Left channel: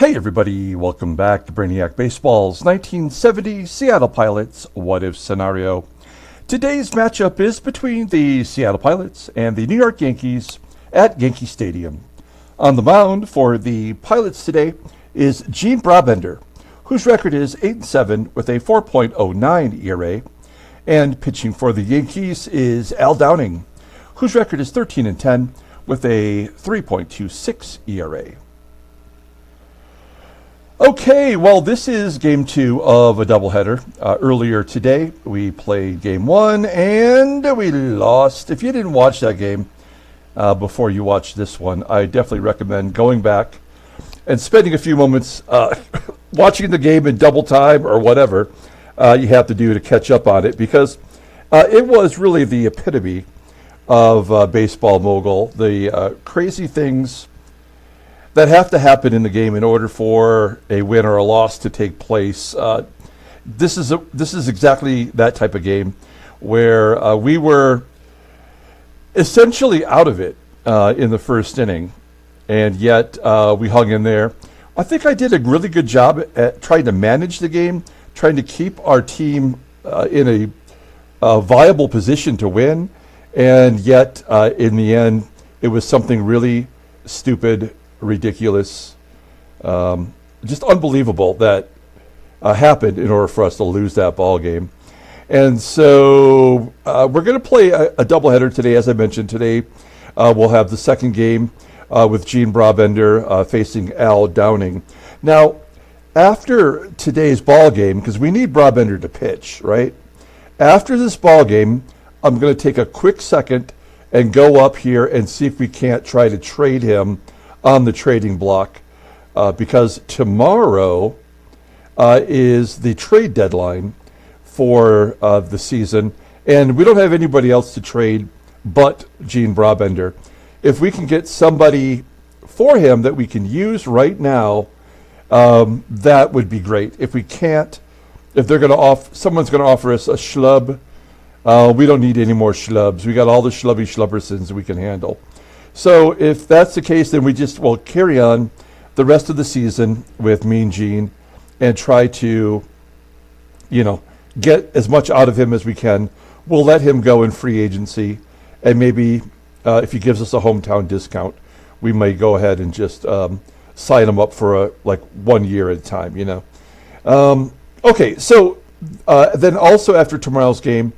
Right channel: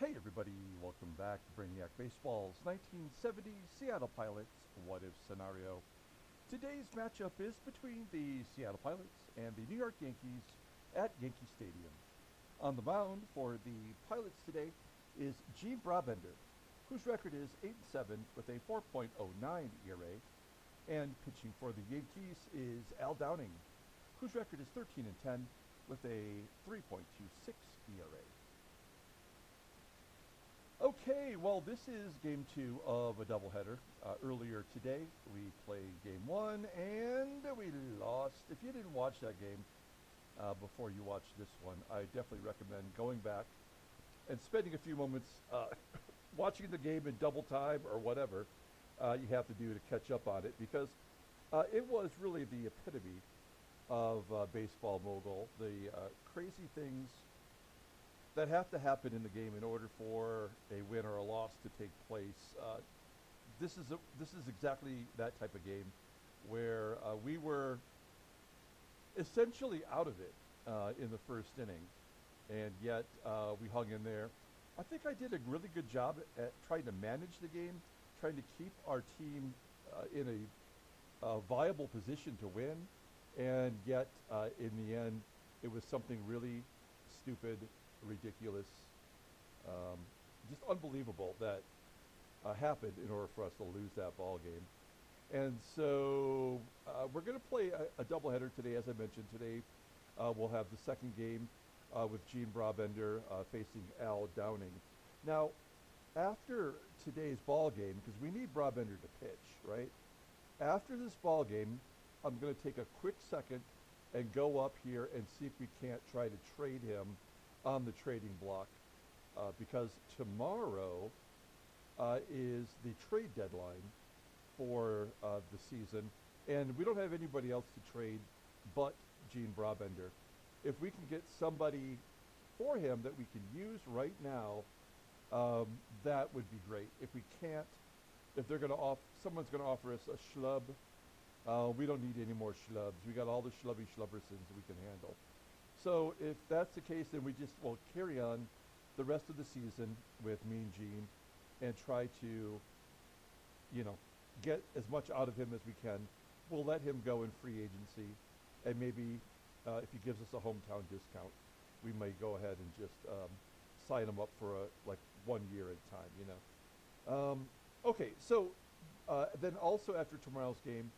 Hey everybody, welcome back to Brainiac Baseball's 1970 Seattle Pilots What If Scenario. Today's matchup is between the Seattle Pilots and the New York Yankees at Yankee Stadium. On the mound for the Pilots today is Gene Brabender, whose record is 8-7 with a 4.09 ERA, and pitching for the Yankees is Al Downing, whose record is 13-10 with a 3.26 ERA. Okay, well, this is game two of a doubleheader. Earlier today, we played game one, and we lost. If you didn't watch that game before you watch this one, I definitely recommend going back and spending a few moments watching the game in double time or whatever you have to do to catch up on it, because it was really the epitome of baseball mogul, the crazy things that have to happen in the game in order for a win or a loss to take place. This is exactly that type of game where we were essentially out of it in the first inning, and yet we hung in there. I think I did a really good job at trying to manage the game, trying to keep our team in a viable position to win, and yet in the end, it was something really stupid, ridiculous, just unbelievable that happened in order for us to lose that ball game. And so we're going to play a doubleheader today. As I mentioned, today we'll have the second game with Gene Brabender facing Al Downing. Now, after today's ball game, because we need Brabender to pitch, right? After this ball game, I'm going to take a quick second and go up here and see if we can't try to trade him on the trading block, because tomorrow is the trade deadline for the season, and we don't have anybody else to trade but Gene Brabender. If we can get somebody for him that we can use right now, that would be great. If we can't, if they're going to someone's going to offer us a schlub, we don't need any more schlubs. We got all the schlubbersons we can handle. So if that's the case, then we just will carry on the rest of the season with Mean Gene and try to, get as much out of him as we can. We'll let him go in free agency, and maybe if he gives us a hometown discount, we may go ahead and just sign him up for 1 year at a time, Okay, so then also after tomorrow's game,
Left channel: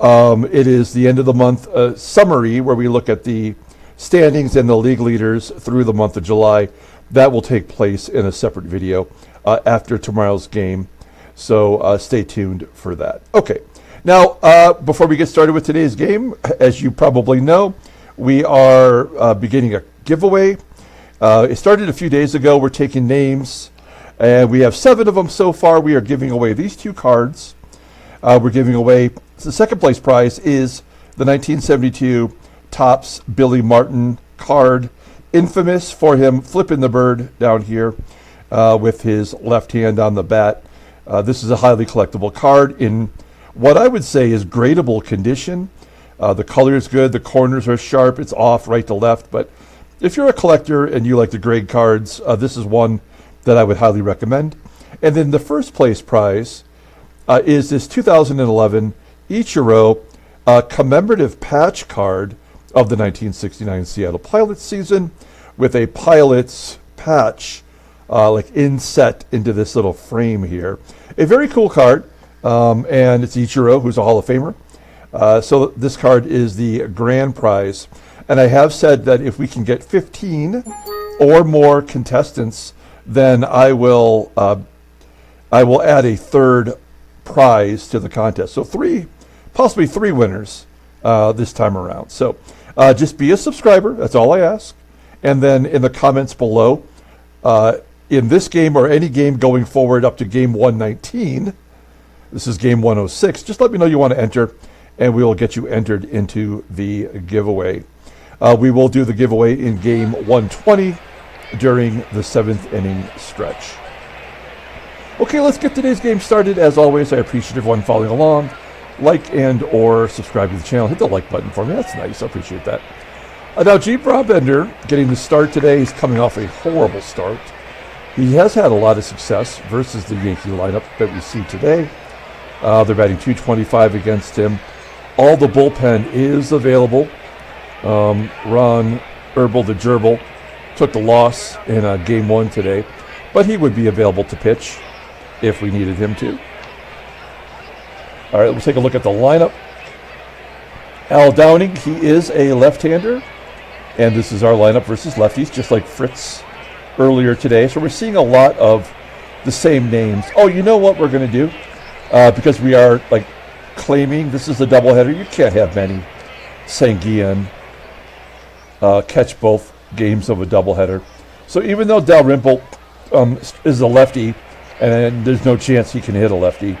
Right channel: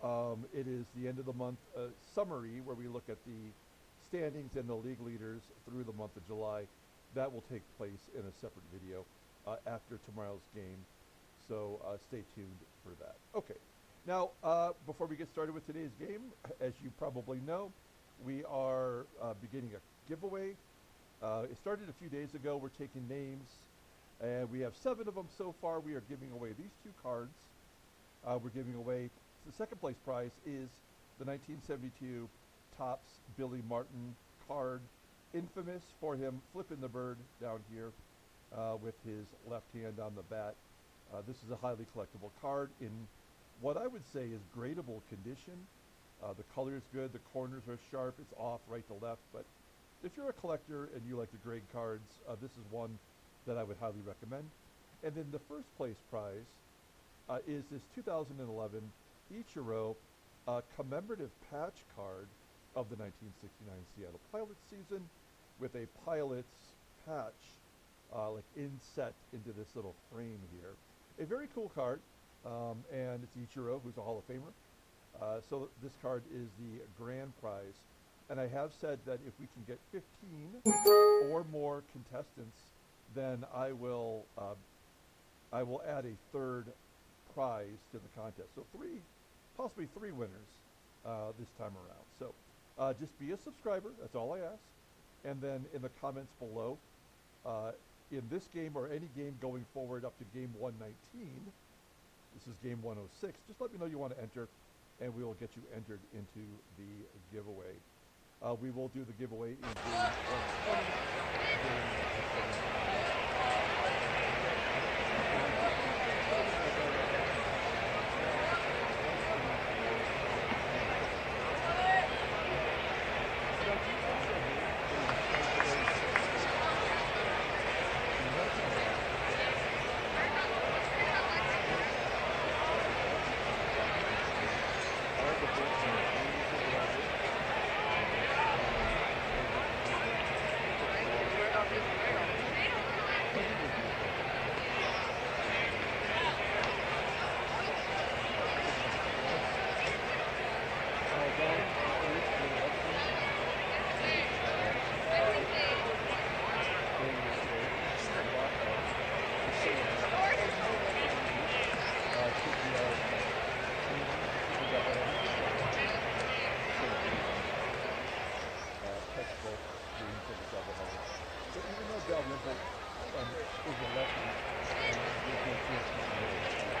it is the end of the month summary where we look at the standings and the league leaders through the month of July. That will take place in a separate video after tomorrow's game. So stay tuned for that. Okay. Now, before we get started with today's game, as you probably know, we are beginning a giveaway. It started a few days ago. We're taking names, and we have 7 of them so far. We are giving away these 2 cards. We're giving away, the second place prize is the 1972 Topps Billy Martin card, infamous for him flipping the bird down here with his left hand on the bat. This is a highly collectible card in what I would say is gradable condition. The color is good, the corners are sharp, it's off right to left, but if you're a collector and you like to grade cards, this is one that I would highly recommend. And then the first place prize is this 2011 Ichiro commemorative patch card of the 1969 Seattle Pilots season, with a Pilots patch inset into this little frame here. A very cool card, and it's Ichiro, who's a Hall of Famer. So this card is the grand prize, and I have said that if we can get 15 or more contestants, then I will add a third prize to the contest. So possibly three winners this time around. So just be a subscriber. That's all I ask. And then in the comments below, in this game or any game going forward up to game 119, this is game 106, just let me know you want to enter, and we will get you entered into the giveaway. We will do the giveaway in game 120 during the 7th inning stretch. Okay, let's get today's game started. As always, I appreciate everyone following along. Like and or subscribe to the channel. Hit the like button for me. That's nice. I appreciate that. Now, Gene Brabender getting the start today. He's coming off a horrible start. He has had a lot of success versus the Yankee lineup that we see today. They're batting .225 against him. All the bullpen is available. Ron Herbal the Gerbil took the loss in game 1 today, but he would be available to pitch if we needed him to. All right, let's take a look at the lineup. Al Downing, he is a left-hander, and this is our lineup versus lefties, just like Fritz earlier today. So we're seeing a lot of the same names. Oh, you know what we're going to do? Because we are like claiming this is a doubleheader, you can't have Manny Sanguillen catch both games of a doubleheader. So even though Dalrymple is a lefty, and there's no chance he can hit a lefty,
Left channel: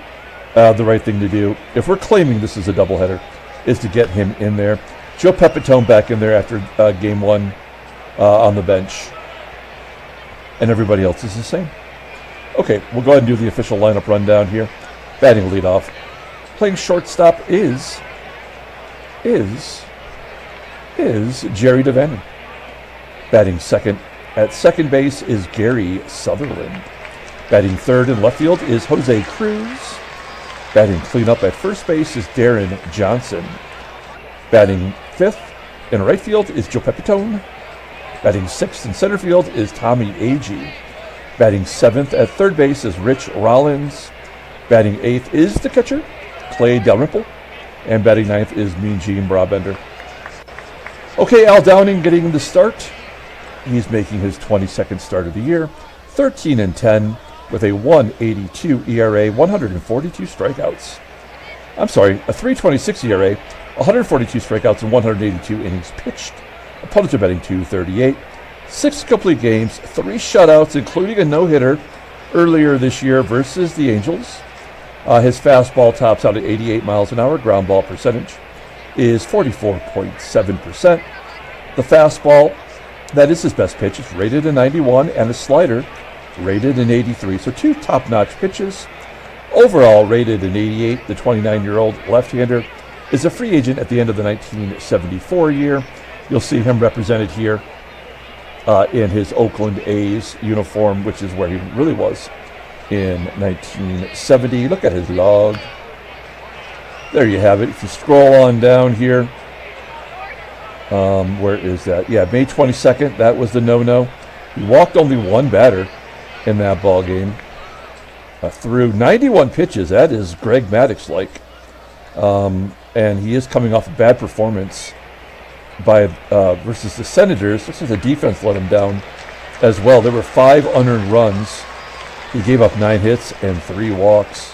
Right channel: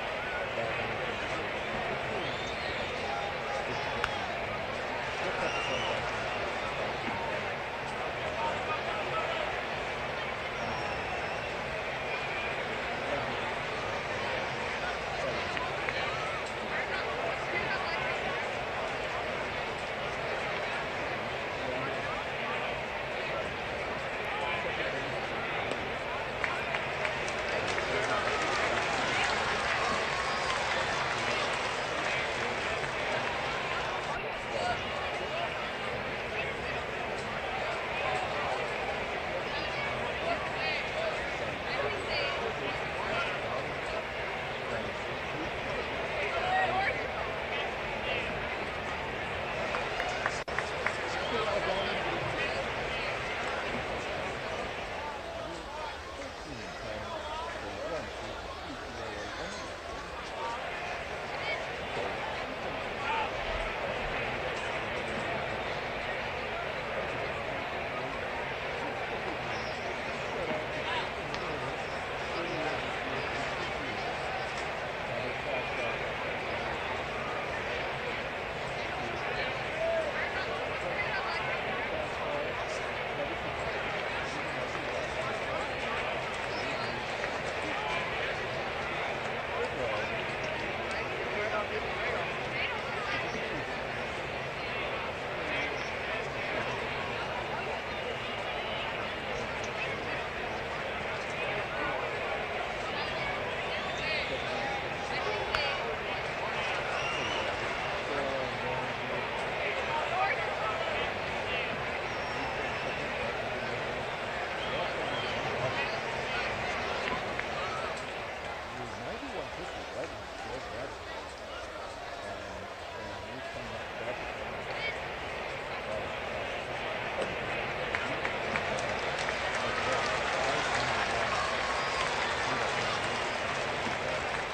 the right thing to do, if we're claiming this is a doubleheader, is to get him in there. Joe Pepitone back in there after game 1 on the bench. And everybody else is the same. Okay, we'll go ahead and do the official lineup rundown here. Batting leadoff. Playing shortstop is Jerry DaVANON. Batting second at second base is Gary Sutherland. Batting third in left field is Jose Cruz. Batting cleanup at first base is Deron Johnson. Batting fifth in right field is Joe Pepitone. Batting sixth in center field is Tommie AGEE. Batting seventh at third base is Rich Rollins. Batting eighth is the catcher, Clay Dalrymple. And batting ninth is Mean Gene Brabender. Okay, Al Downing getting the start. He's making his 22nd start of the year. 13-10 with a 1.82 ERA, 142 strikeouts. I'm sorry, a 3.26 ERA, 142 strikeouts and 182 innings pitched. Opponents are batting .238. 6 complete games, 3 shutouts, including a no-hitter earlier this year versus the Angels. His fastball tops out at 88 miles an hour. Ground ball percentage is 44.7%. The fastball, that is his best pitch, is rated a 91, and the slider rated an 83. So 2 top-notch pitches. Overall rated an 88. The 29-year-old left-hander is a free agent at the end of the 1974 year. You'll see him represented here in his Oakland A's uniform, which is where he really was in 1970. Look at his log. There you have it. If you scroll on down here, where is that? Yeah, May 22nd, that was the no-no. He walked only 1 batter in that ball game. Through 91 pitches, that is Greg Maddux-like. And he is coming off a bad performance by versus the Senators. This was the defense let him down as well. There were 5 unearned runs. He gave up 9 hits and 3 walks.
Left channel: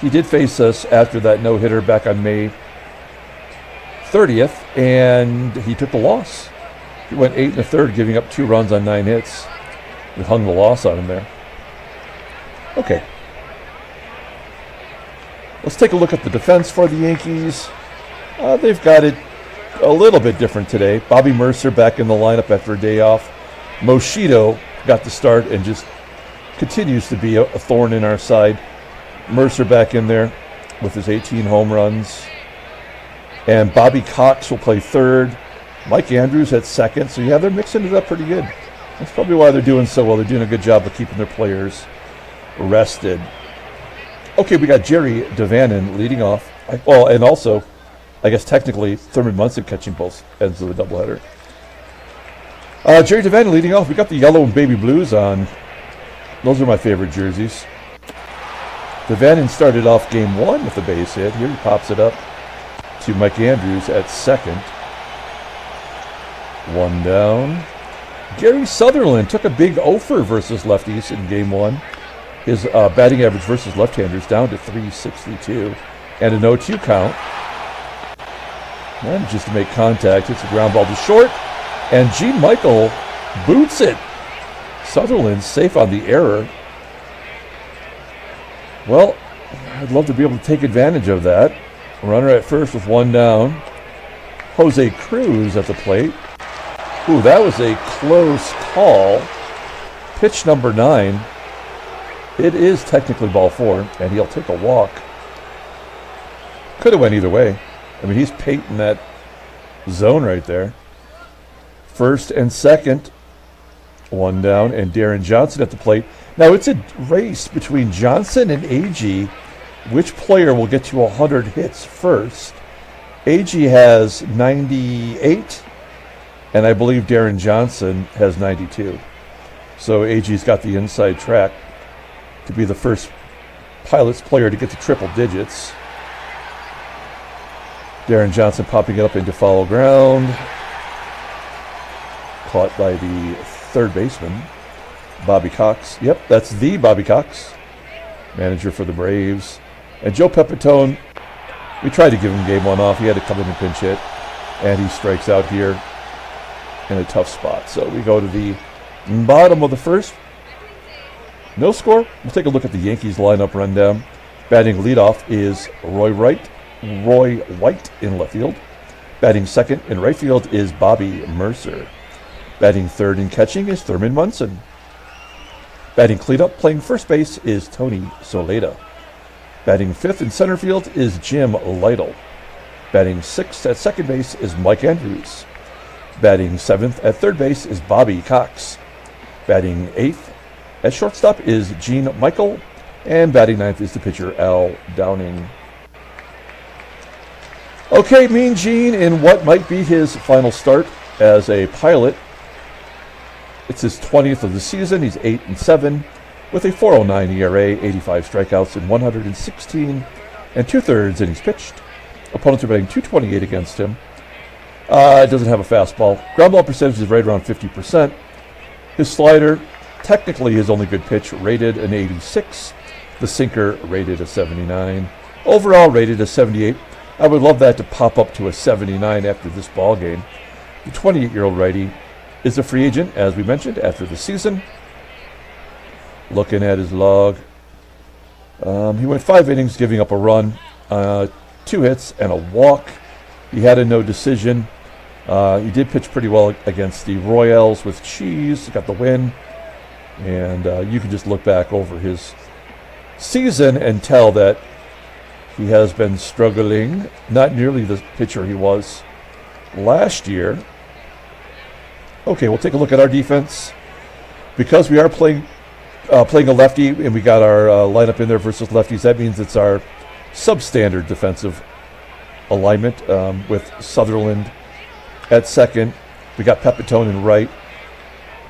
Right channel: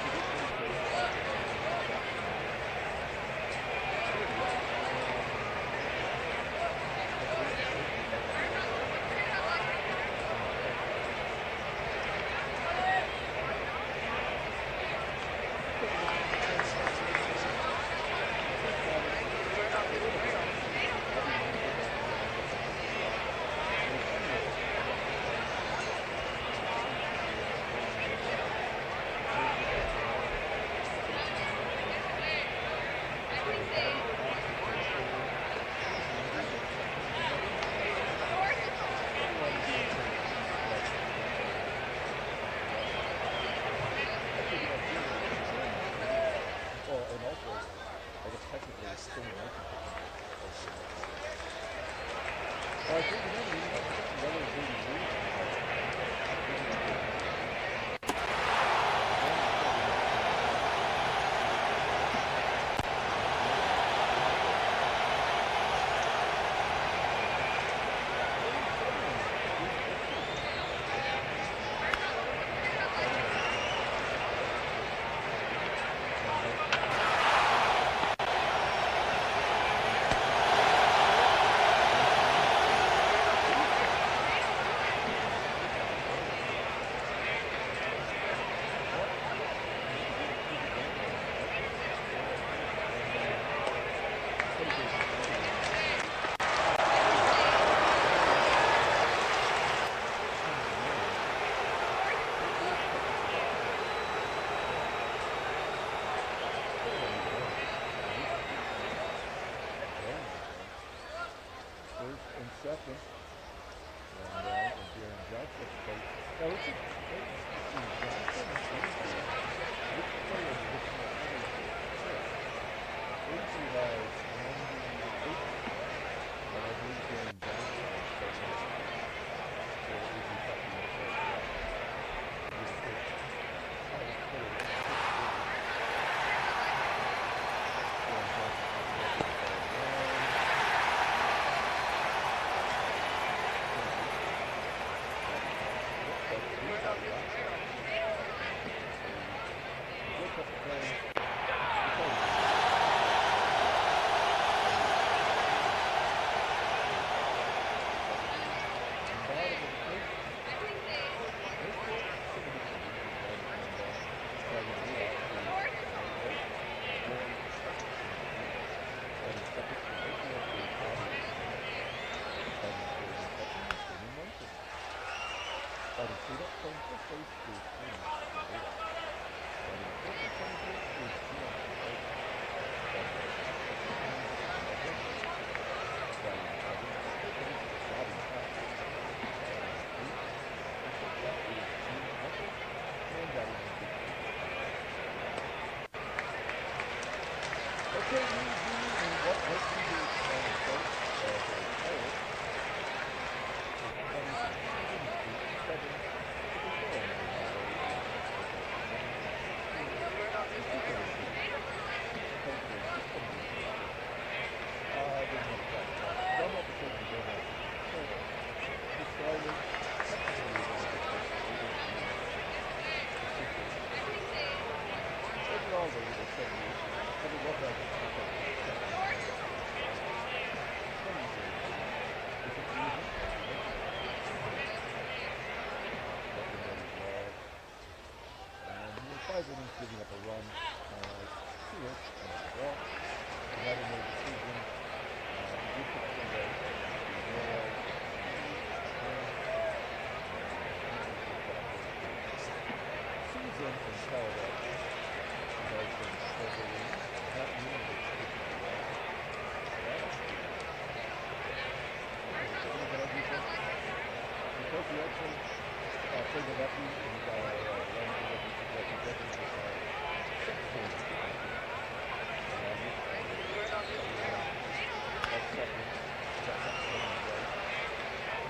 He did face us after that no-hitter back on May 30th, and he took the loss. He went 8 1/3, giving up 2 runs on 9 hits. We hung the loss on him there. Okay. Let's take a look at the defense for the Yankees. They've got it a little bit different today. Bobby Murcer back in the lineup after a day off. Moschito got the start and just continues to be a thorn in our side. Murcer back in there with his 18 home runs. And Bobby Cox will play third. Mike Andrews at second. So yeah, they're mixing it up pretty good. That's probably why they're doing so well. They're doing a good job of keeping their players rested. Okay, we got Jerry DaVANON leading off. Well, and also, I guess technically, Thurman Munson catching both ends of the doubleheader. Jerry DaVANON leading off. We got the yellow and baby blues on. Those are my favorite jerseys. DaVANON started off game 1 with a base hit. Here he pops it up to Mike Andrews at second. 1 down. Gary Sutherland took a big offer versus lefties in game 1. His batting average versus left-handers down to .362 and a 0-2 count. And just to make contact, hits the ground ball to short, and Gene Michael boots it. Sutherland safe on the error. Well, I'd love to be able to take advantage of that. Runner at first with 1 down. Jose Cruz at the plate. Ooh, that was a close call. Pitch number 9. It is technically ball 4, and he'll take a walk. Could have went either way. I mean, he's painting that zone right there. First and second One down, and Deron Johnson at the plate. Now it's a race between Johnson and AGEE. Which player will get to 100 hits first? AGEE has 98, and I believe Deron Johnson has 92. So AGEE's got the inside track to be the first Pilots player to get to triple digits. Deron Johnson popping it up into foul ground. Caught by the third baseman, Bobby Cox. Yep, that's the Bobby Cox, manager for the Braves. And Joe Pepitone, we tried to give him game one off. He had to come in and pinch hit, and he strikes out here in a tough spot. So we go to the bottom of the first. No score. We'll take a look at the Yankees lineup rundown. Batting leadoff is Roy White in left field. Batting second in right field is Bobby MURCER. Batting third and catching is Thurman MUNSON. Batting cleanup playing first base is Tony SOLAITA. Batting fifth in center field is Jim Lyttle. Batting sixth at second base is Mike Andrews. Batting seventh at third base is Bobby Cox. Batting eighth at shortstop is Gene Michael. And batting ninth is the pitcher Al Downing. Okay, Mean Gene in what might be his final start as a Pilot. It's his 20th of the season. He's 8-7 with a 4.09 ERA, 85 strikeouts in 116 and 2/3 innings pitched. Opponents are batting .228 against him. Doesn't have a fastball. Ground ball percentage is right around 50%. His slider, technically his only good pitch, rated an 86. The sinker rated a 79. Overall rated a 78. I would love that to pop up to a 79 after this ball game. The 28-year-old righty is a free agent, as we mentioned, after the season. Looking at his log, he went 5 innings, giving up a run, 2 hits, and a walk. He had a no decision. He did pitch pretty well against the Royals with Cheese, got the win. And you can just look back over his season and tell that he has been struggling, not nearly the pitcher he was last year. Okay, we'll take a look at our defense. Because we are playing a lefty and we got our lineup in there versus lefties, that means it's our substandard defensive alignment with Sutherland at second. We got Pepitone in right.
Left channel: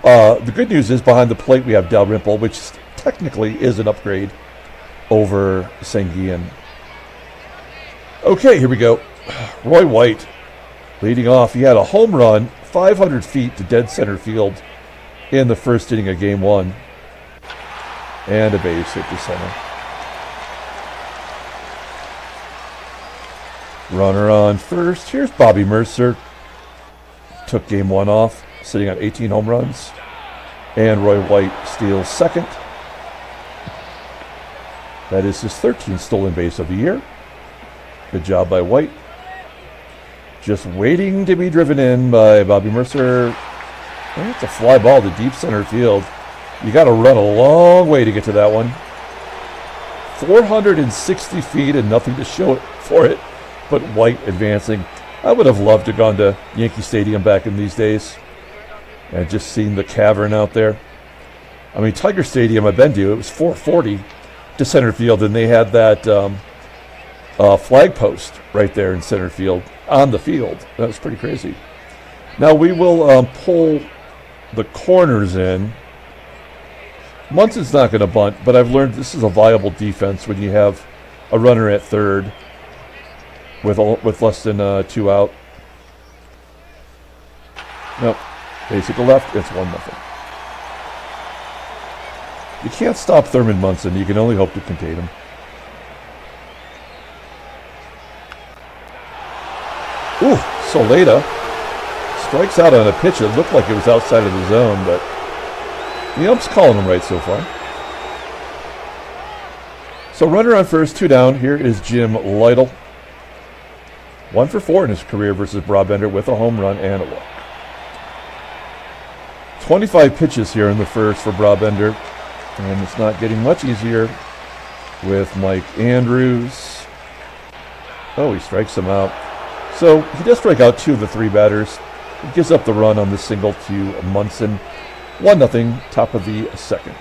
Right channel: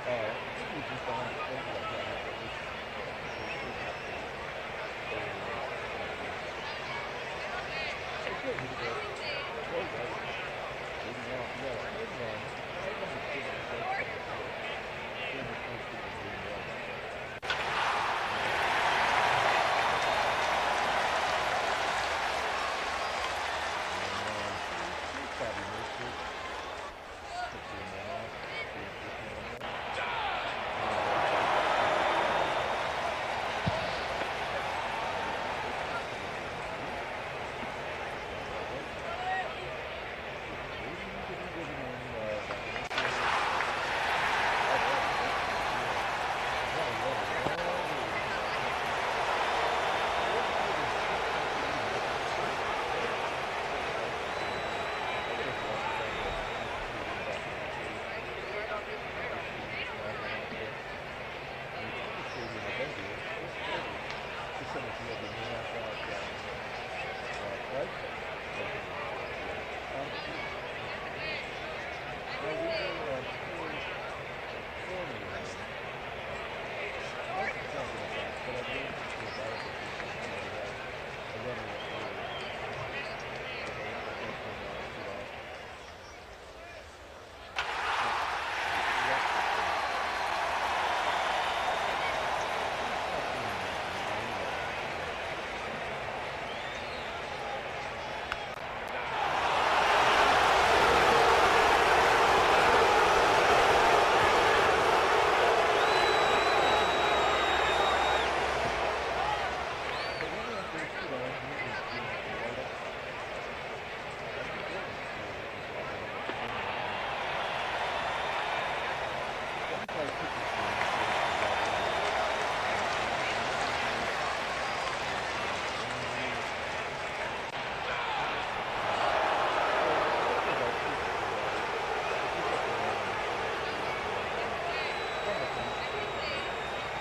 The good news is behind the plate we have DALRYMPLE, which technically is an upgrade over Sanguian. Okay, here we go. Roy White leading off. He had a home run 500 feet to dead center field in the first inning of game one. And a base hit to center. Runner on first. Here's Bobby MURCER. Took game one off, sitting on 18 home runs. And Roy White steals second. That is his 13th stolen base of the year. Good job by White. Just waiting to be driven in by Bobby MURCER. And it's a fly ball to deep center field. You got to run a long way to get to that one. 460 feet and nothing to show for it, but White advancing. I would have loved to have gone to Yankee Stadium back in these days and just seen the cavern out there. I mean, Tiger Stadium I've been to, it was 440 to center field, and they had that flag post right there in center field on the field. That was pretty crazy. Now we will pull the corners in. Munson's not going to bunt, but I've learned this is a viable defense when you have a runner at third with less than 2 out. Nope. Base hit to left. It's 1-0. You can't stop Thurman Munson. You can only hope to contain him. Ooh, SOLAITA strikes out on a pitch. It looked like it was outside of the zone, but the ump's calling him right so far. So runner on first, 2 down. Here is Jim Lyttle. 1 for 4 in his career versus Brabender with a home run and a walk. 25 pitches here in the first for Brabender. And it's not getting much easier with Mike Andrews. Oh, he strikes him out. So he does strike out 2 of the 3 batters. He gives up the run on the single to Munson. 1-0, top of the second.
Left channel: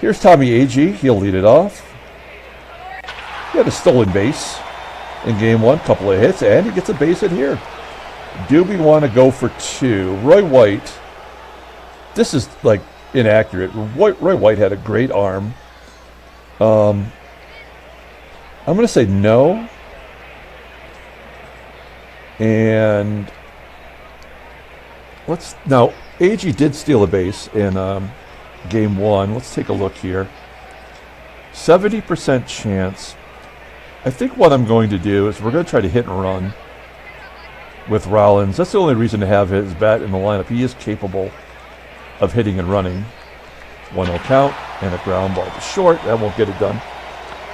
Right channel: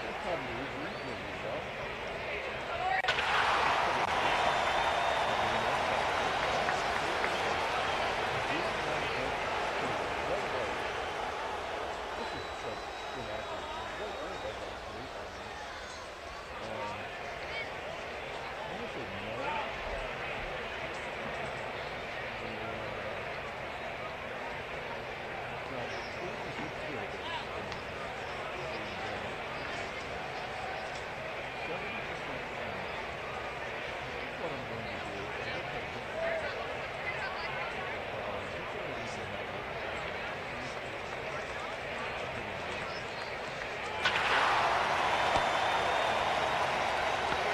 Here's Tommie AGEE. He'll lead it off. He had a stolen base in game 1, couple of hits, and he gets a base hit here. Do we want to go for 2? Roy White. This is like inaccurate. Roy White had a great arm. I'm going to say no. And now AGEE did steal a base in game 1. Let's take a look here. 70% chance. I think what I'm going to do is we're going to try to hit and run with Rollins. That's the only reason to have his bat in the lineup. He is capable of hitting and running. 1-0 count and a ground ball to short. That won't get it done.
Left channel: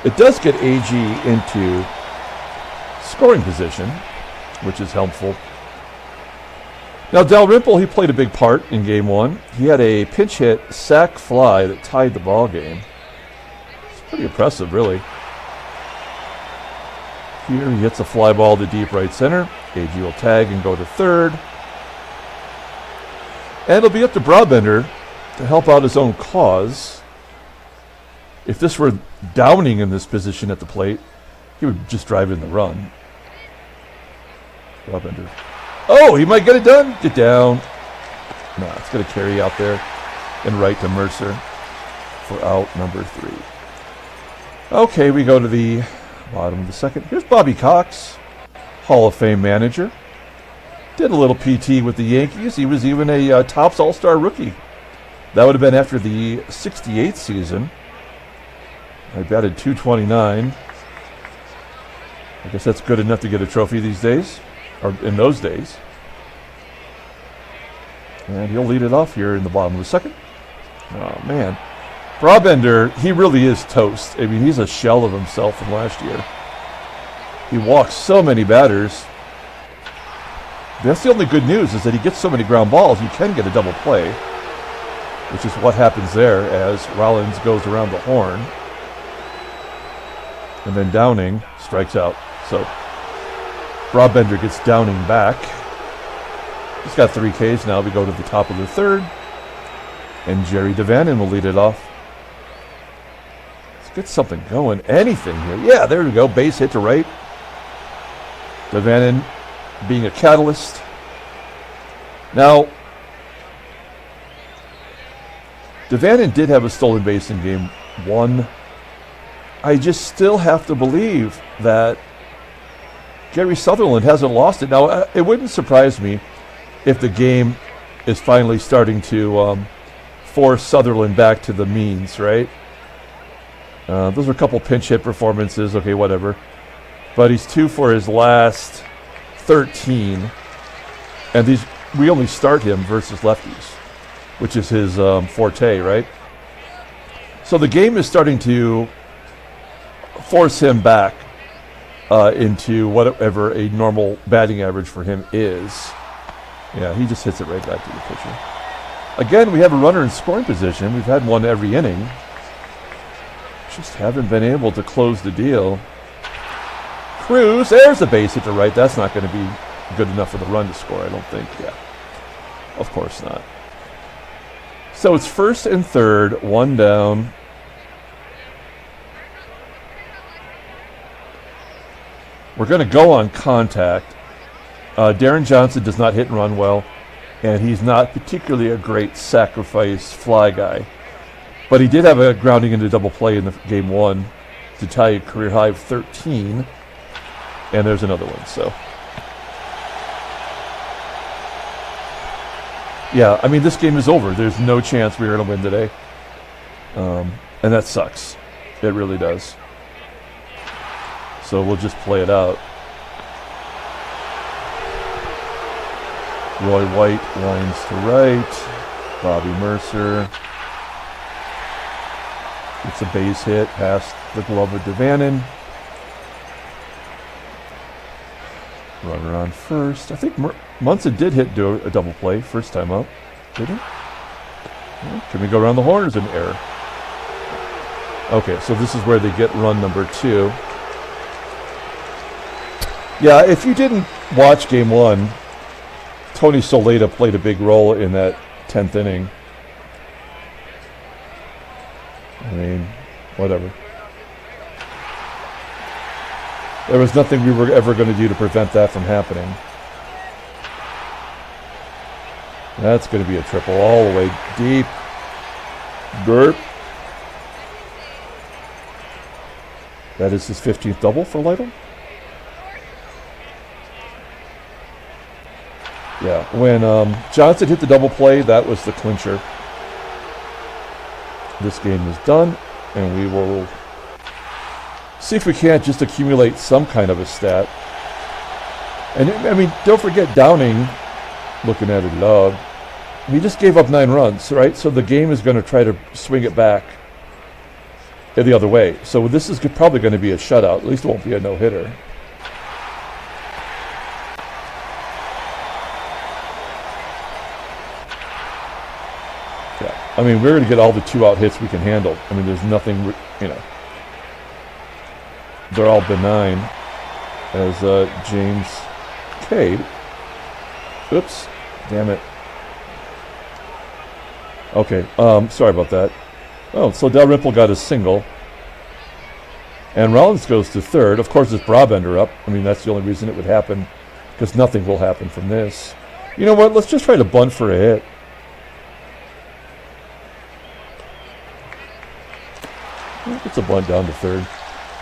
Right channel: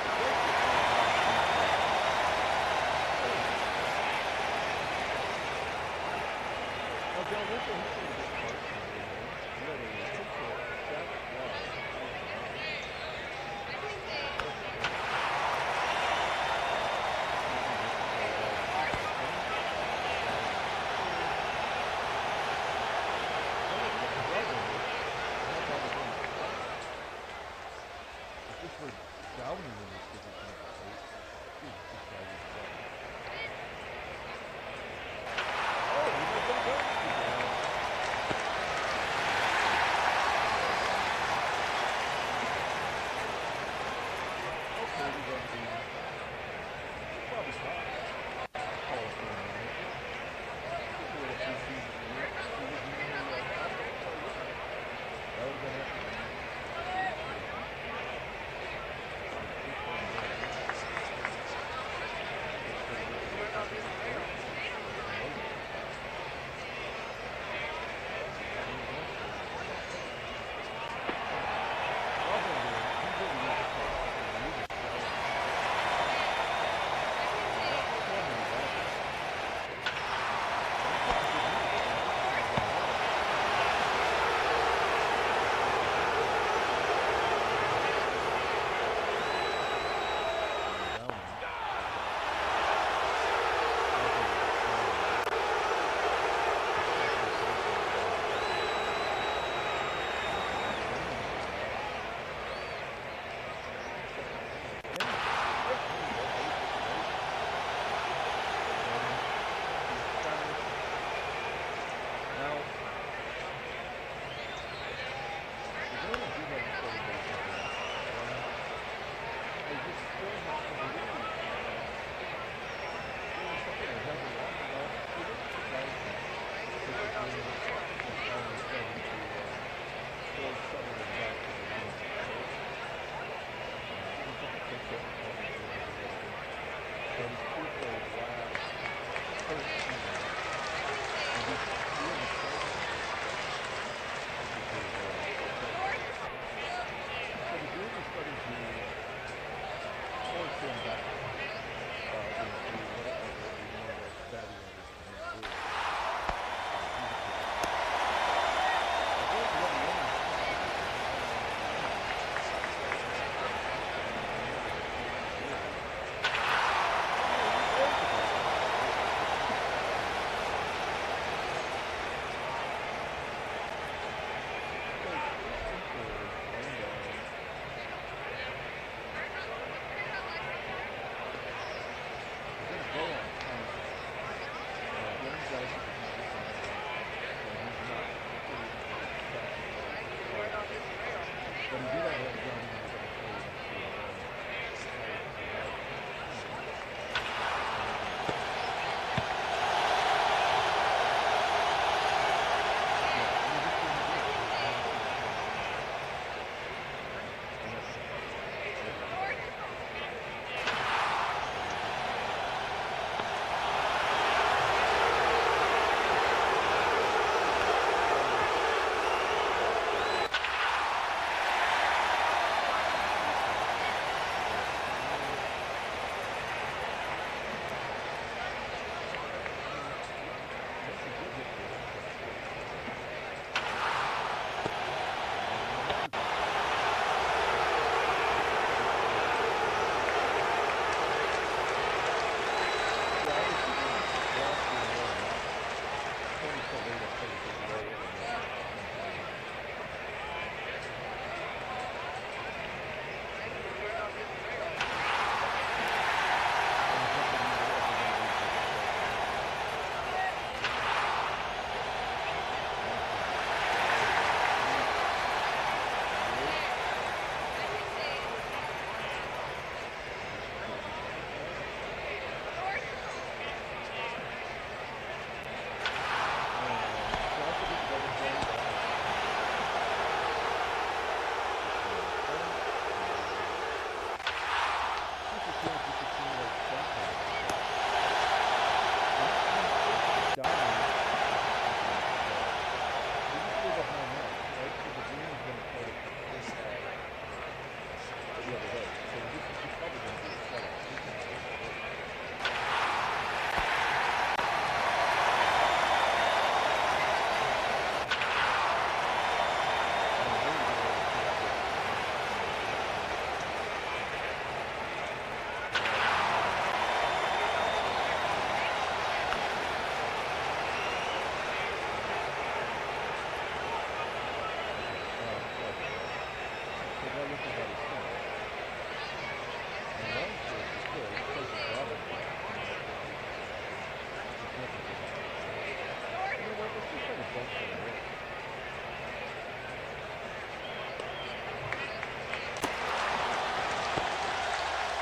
It does get AGEE into scoring position, which is helpful. Now, Dalrymple, he played a big part in game 1. He had a pinch hit sac fly that tied the ball game. It's pretty impressive, really. Here he hits a fly ball to deep right center. AGEE will tag and go to third. And it'll be up to Brabender to help out his own cause. If this were Downing in this position at the plate, he would just drive in the run. Brabender. Oh, he might get it done. Get down. No, it's going to carry out there and right to Mercer for out number 3. Okay, we go to the bottom of the second. Here's Bobby Cox, Hall of Fame manager. Did a little PT with the Yankees. He was even a Topps All-Star rookie. That would have been after the 68th season. I batted .229. I guess that's good enough to get a trophy these days, or in those days. And he'll lead it off here in the bottom of the second. Oh, man. Brabender, he really is toast. I mean, he's a shell of himself from last year. He walks so many batters. That's the only good news, is that he gets so many ground balls, he can get a double play, which is what happens there as Rollins goes around the horn. And then Downing strikes out. So Brabender gets Downing back. He's got 3 Ks now. We go to the top of the third. And Jerry DaVANON will lead it off. Let's get something going. Anything here. Yeah, there we go. Base hit to right. DaVANON being a catalyst. Now, DaVANON did have a stolen base in game 1. I just still have to believe that Gary Sutherland hasn't lost it. Now, it wouldn't surprise me if the game is finally starting to force Sutherland back to the means, right? Those were a couple pinch hit performances. Okay, whatever. But he's 2 for his last 13. And we only start him versus lefties, which is his forte, right? So the game is starting to force him back into whatever a normal batting average for him is. Yeah, he just hits it right back to the pitcher. Again, we have a runner in scoring position. We've had one every inning. Just haven't been able to close the deal. CRUZ, there's a base hit to right. That's not going to be good enough for the run to score, I don't think. Yeah, of course not. So it's first and third, 1 down. We're going to go on contact. Deron Johnson does not hit and run well, and he's not particularly a great sacrifice fly guy. But he did have a grounding into double play in the game 1 to tie a career high of 13. And there's another one, so. Yeah, I mean, this game is over. There's no chance we're going to win today. And that sucks. It really does. So we'll just play it out. Roy White lines to right. Bobby Mercer. It's a base hit past the glove of DaVANON. Runner on first. I think Munson did do a double play first time out. Did he? Can we go around the horn, or is it an error? Okay, so this is where they get run number 2. Yeah, if you didn't watch game 1, Tony SOLAITA played a big role in that 10th inning. I mean, whatever. There was nothing we were ever going to do to prevent that from happening. That's going to be a triple all the way deep. Burp. That is his 15th double for LYTTLE. Yeah, when Johnson hit the double play, that was the clincher. This game is done, and we will see if we can't just accumulate some kind of a stat. And I mean, don't forget Downing, looking at it love. He just gave up 9 runs, right? So the game is going to try to swing it back the other way. So this is probably going to be a shutout. At least it won't be a no-hitter. Yeah. I mean, we're going to get all the 2-out hits we can handle. I mean, there's nothing, you know. They're all benign. As James K. Oops. Damn it. Okay, sorry about that. Oh, so DALRYMPLE got a single. And Rollins goes to third. Of course, it's Brabender up. I mean, that's the only reason it would happen, because nothing will happen from this. You know what? Let's just try to bunt for a hit. It's a bunt down to third.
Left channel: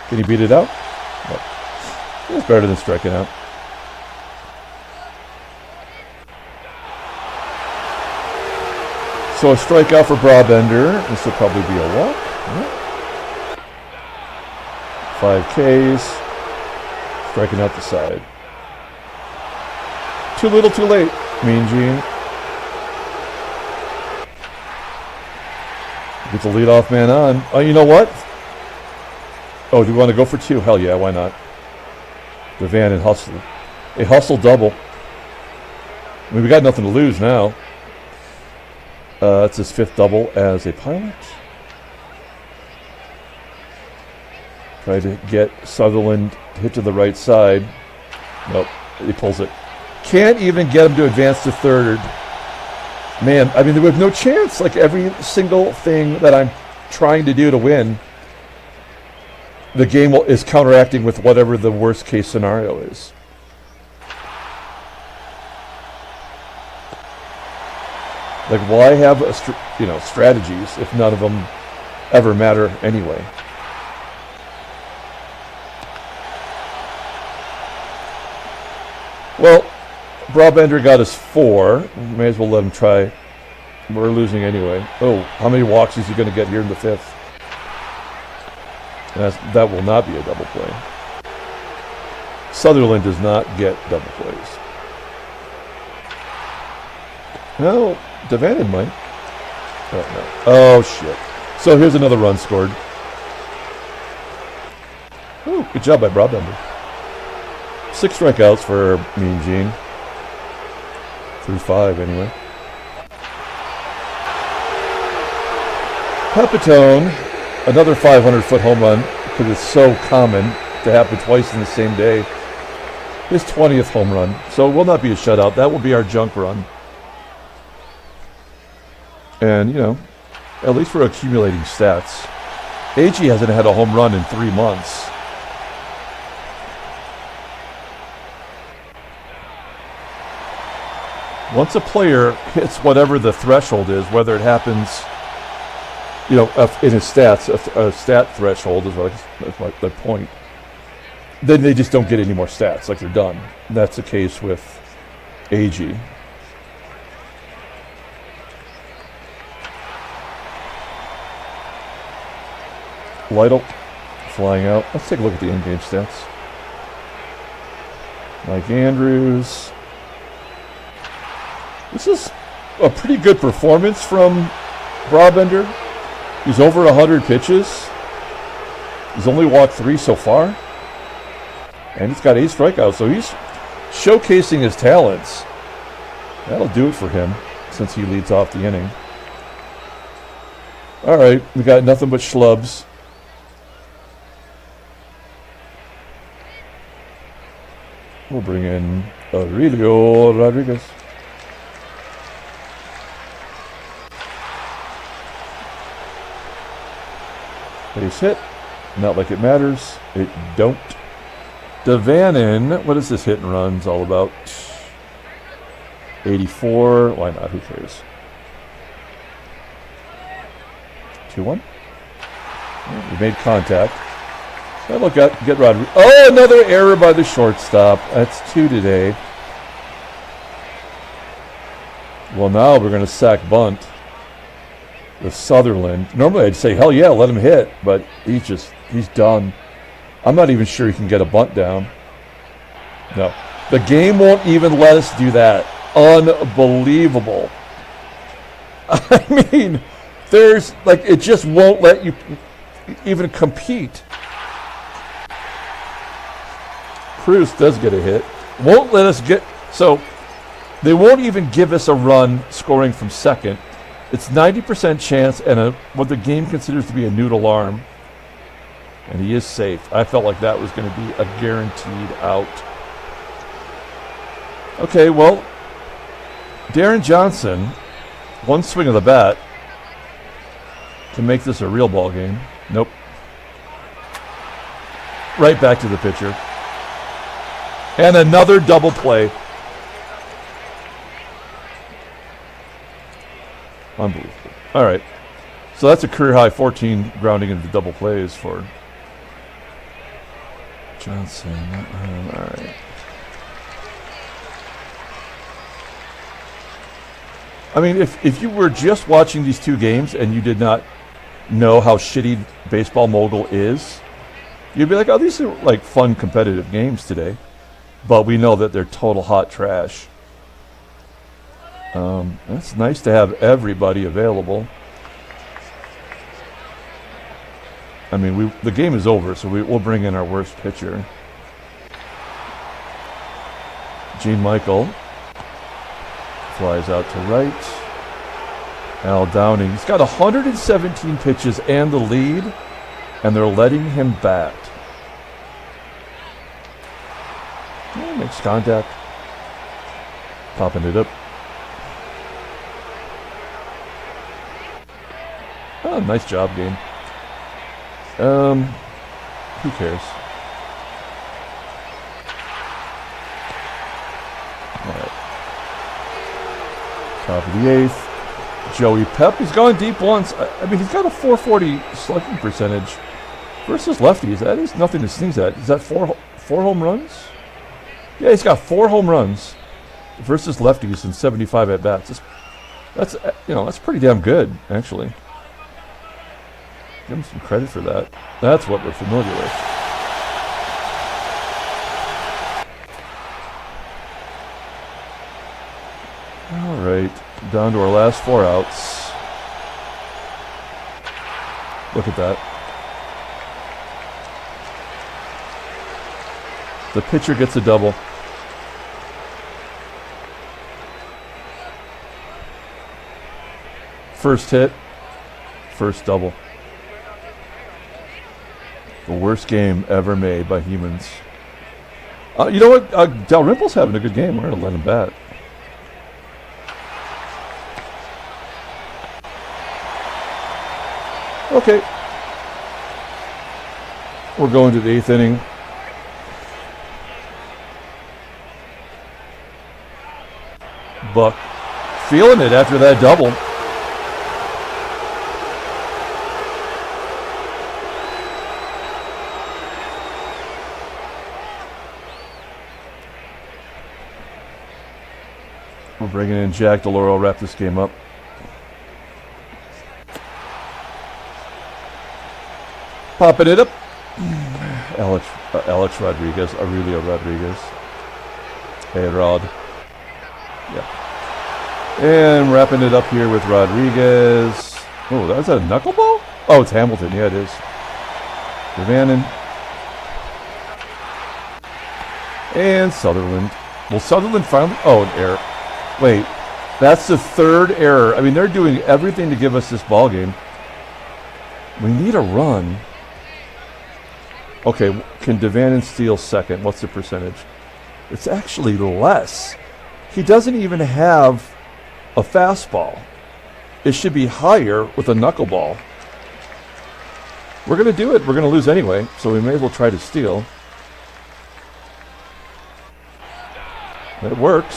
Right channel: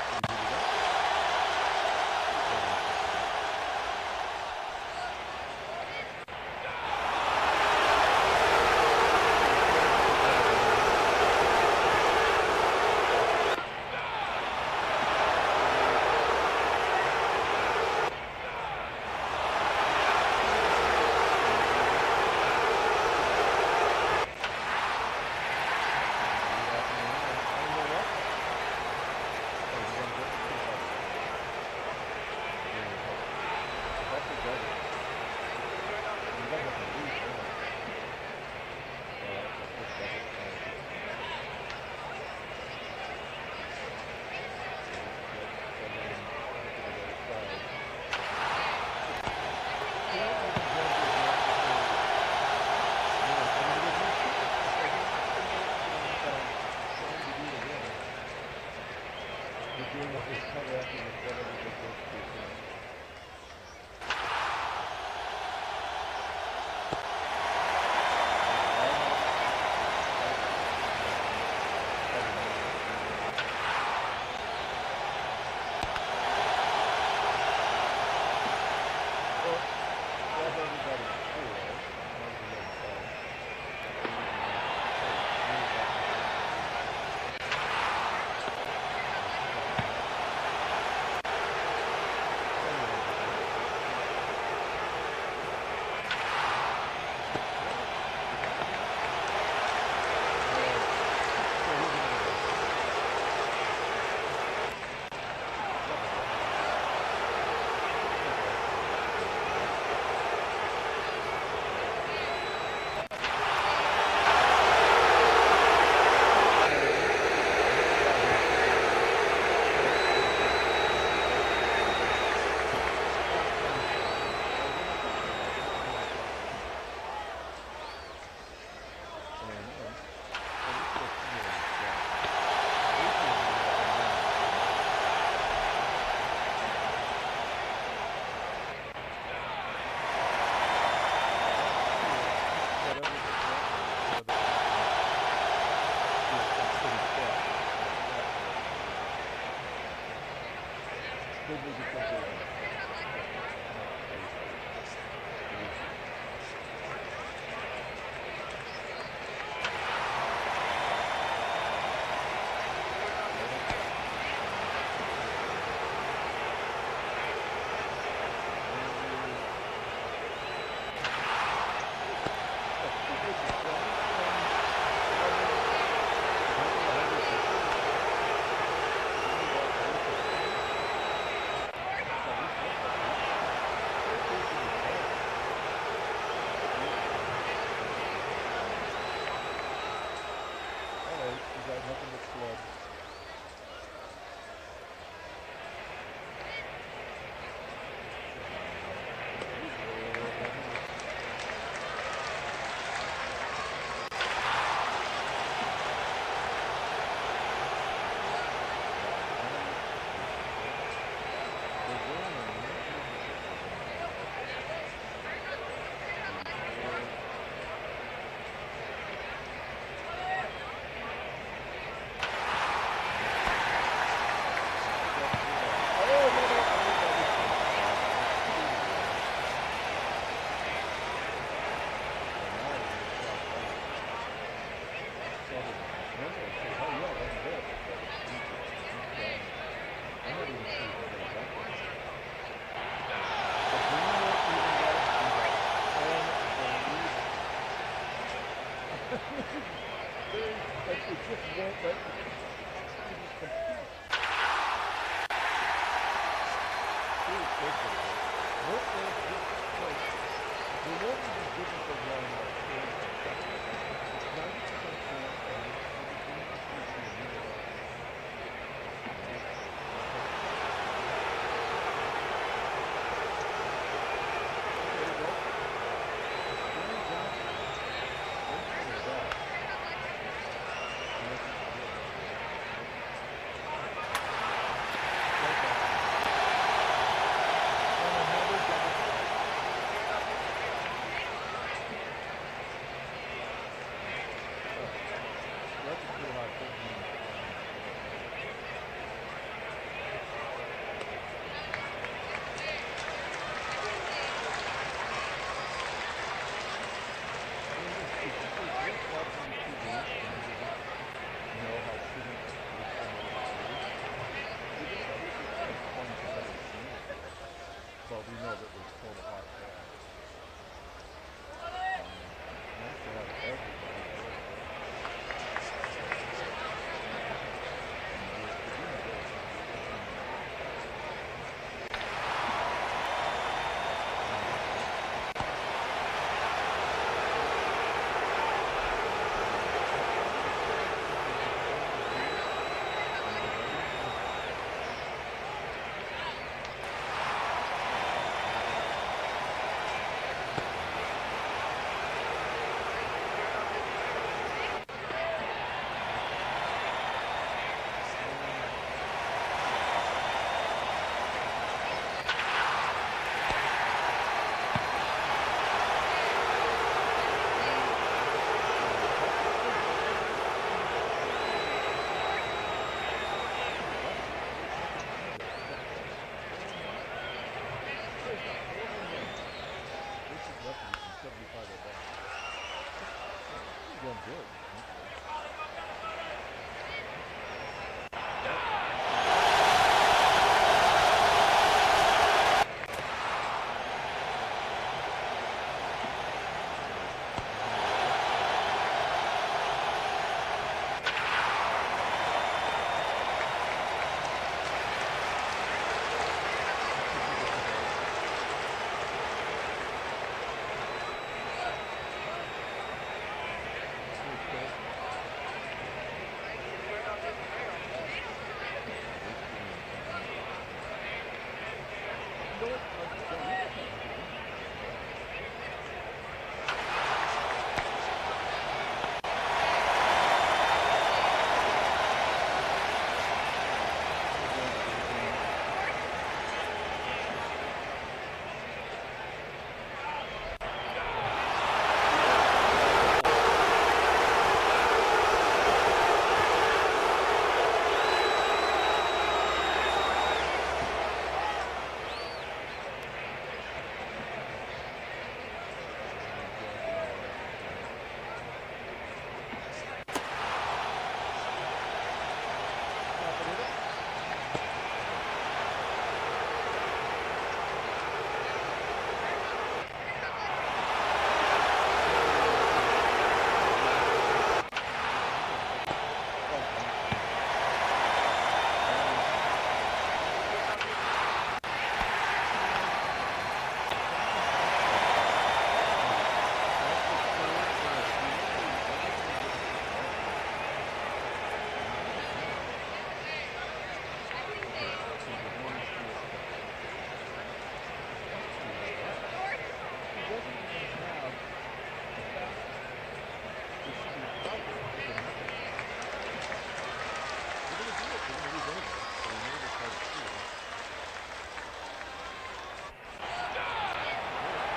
Can he beat it out? No. It's better than striking out. So a strikeout for Brabender. This will probably be a walk. Yeah. 5 Ks. Striking out the side. Too little, too late. Mean Gene. Gets the leadoff man on. Oh, you know what? Oh, do you want to go for 2? Hell yeah, why not? DaVANON hustle. A hustle double. I mean, we got nothing to lose now. That's his 5th double as a pilot. Try to get Sutherland hit to the right side. Nope, he pulls it. Can't even get him to advance to third. Man, I mean, there was no chance. Like, every single thing that I'm trying to do to win, the game is counteracting with whatever the worst case scenario is. Like, why have strategies if none of them ever matter anyway? Well, Brabender got us 4. May as well let him try. We're losing anyway. Oh, how many walks is he going to get here in the 5th? That will not be a double play. Sutherland does not get double plays. No, DaVANON might. Oh, no. Oh, shit. So here's another run scored. Ooh, good job by Brabender. 6 strikeouts for Mean Gene. 3-5 anyway. PEPITONE, another 500-foot home run, because it's so common to happen twice in the same day. His 20th home run. So it will not be a shutout. That will be our junk run. And, you know, at least we're accumulating stats. AGEE hasn't had a home run in 3 months. Once a player hits whatever the threshold is, whether it happens, you know, in his stats, a stat threshold is like the point, then they just don't get any more stats, like they're done. And that's the case with AGEE. LYTTLE flying out. Let's take a look at the in-game stats. Mike Andrews. This is a pretty good performance from Brabender. He's over 100 pitches. He's only walked 3 so far. And he's got 8 strikeouts, so he's showcasing his talents. That'll do it for him, since he leads off the inning. All right, we got nothing but schlubs. We'll bring in Aurelio Rodriguez. Base hit. Not like it matters. It don't. DaVANON. What is this hit and runs all about? 84. Why not? Who cares? 2-1. We made contact. Now look at get Rodriguez. Oh, another error by the shortstop. That's 2 today. Well, now we're going to sack bunt with Sutherland. Normally I'd say, hell yeah, let him hit, but he's done. I'm not even sure he can get a bunt down. No. The game won't even let us do that. Unbelievable. I mean, there's, like, it just won't let you even compete. CRUZ does get a hit. Won't let us get, so they won't even give us a run scoring from second. It's 90% chance and what the game considers to be a noodle arm. And he is safe. I felt like that was going to be a guaranteed out. Okay, well, Deron Johnson, one swing of the bat to make this a real ball game. Nope. Right back to the pitcher. And another double play. Unbelievable. All right. So that's a career high 14 grounding into double plays for Johnson. All right. I mean, if you were just watching these two games and you did not know how shitty Baseball Mogul is, you'd be like, oh, these are like fun competitive games today. But we know that they're total hot trash. It's nice to have everybody available. I mean, the game is over, so we'll bring in our worst pitcher. Gene Michael flies out to right. Al Downing. He's got 117 pitches and the lead, and they're letting him bat. Makes contact. Popping it up. Oh, nice job, dude. Who cares? All right. Top of the 8th. Joey Pep has gone deep once. I mean, he's got a 440 slugging percentage versus lefties. That is nothing to sneeze at. Is that four home runs? Yeah, he's got 4 home runs versus lefties and 75 at bats. That's pretty damn good, actually. Give him some credit for that. That's what we're familiar with. All right, down to our last 4 outs. Look at that. The pitcher gets a double. First hit, first double. The worst game ever made by humans. You know what? Dalrymple's having a good game. We're going to let him bat. Okay. We're going to the 8th inning. Buck feeling it after that double. We're bringing in Jack DeLoro, wrap this game up. Popping it up. Alex Rodriguez, Aurelio Rodriguez. Hey, Rod. Yeah. And wrapping it up here with Rodriguez. Oh, that's a knuckleball? Oh, it's Hamilton. Yeah, it is. DaVANON. And Sutherland. Will Sutherland finally... Oh, an error. Wait, that's the 3rd error. I mean, they're doing everything to give us this ball game. We need a run. Okay, can DaVANON steal second? What's the percentage? It's actually less. He doesn't even have a fastball. It should be higher with a knuckleball. We're going to do it. We're going to lose anyway, so we may as well try to steal. It works.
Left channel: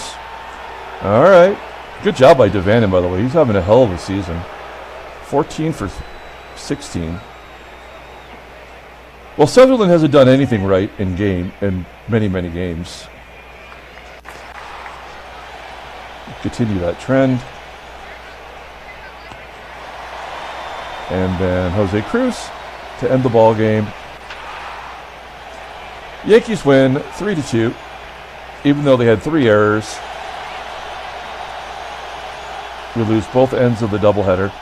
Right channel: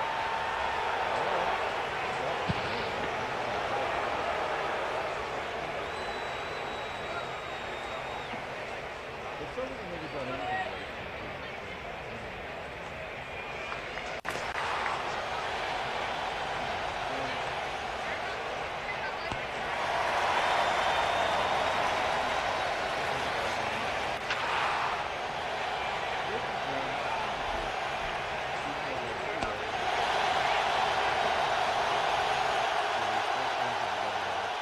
All right. Good job by DaVANON, by the way. He's having a hell of a season. 14 for 16. Well, Sutherland hasn't done anything right in many, many games. Continue that trend. And then Jose CRUZ to end the ball game. Yankees win 3-2, even though they had 3 errors. We lose both ends of the doubleheader.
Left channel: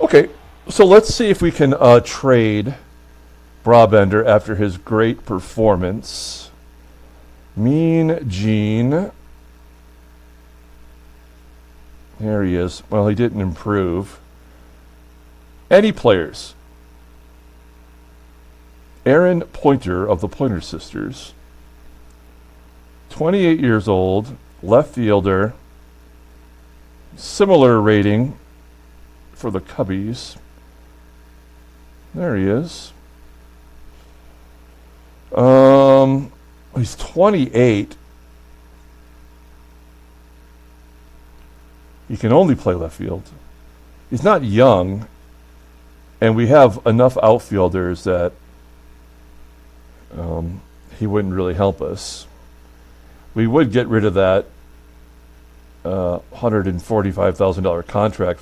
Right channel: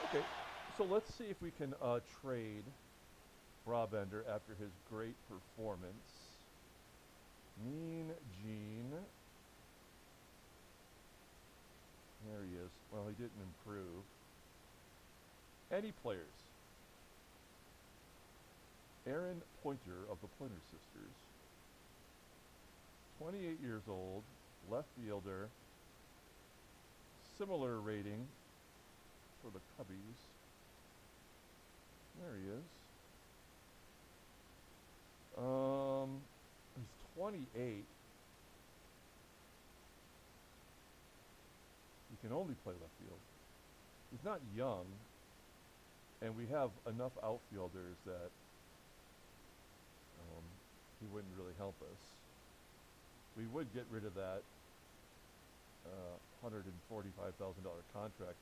Okay, so let's see if we can trade Brabender after his great performance. Mean Gene. There he is. Well, he didn't improve. Any players? Aaron Pointer of the Pointer Sisters. 28 years old, left fielder. Similar rating for the Cubbies. There he is. He's 28. He can only play left field. He's not young, and we have enough outfielders that he wouldn't really help us. We would get rid of that $145,000 contract,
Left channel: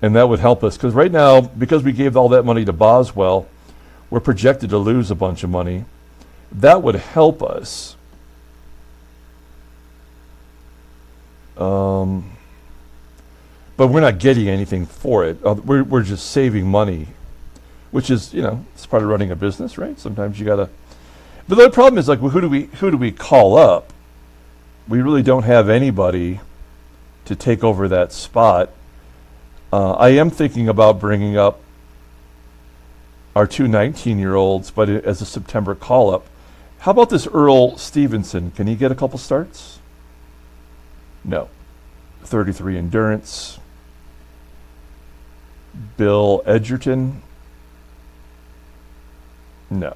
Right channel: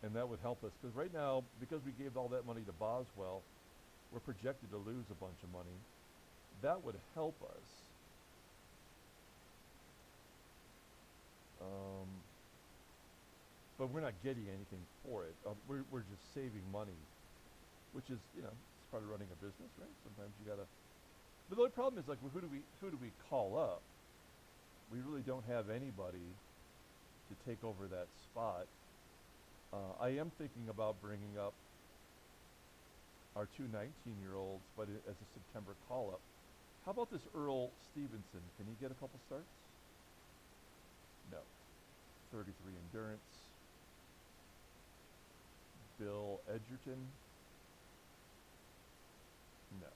and that would help us, because right now, because we gave all that money to Boswell, we're projected to lose a bunch of money. That would help us. But we're not getting anything for it. We're just saving money, which is, it's part of running a business, right? Sometimes you gotta. But the problem is, like, who do we call up? We really don't have anybody to take over that spot. I am thinking about bringing up our 2 19-year-olds, but as a September call-up. How about this Earl Stevenson? Can he get a couple starts? No. 33 endurance. Bill Edgerton? No.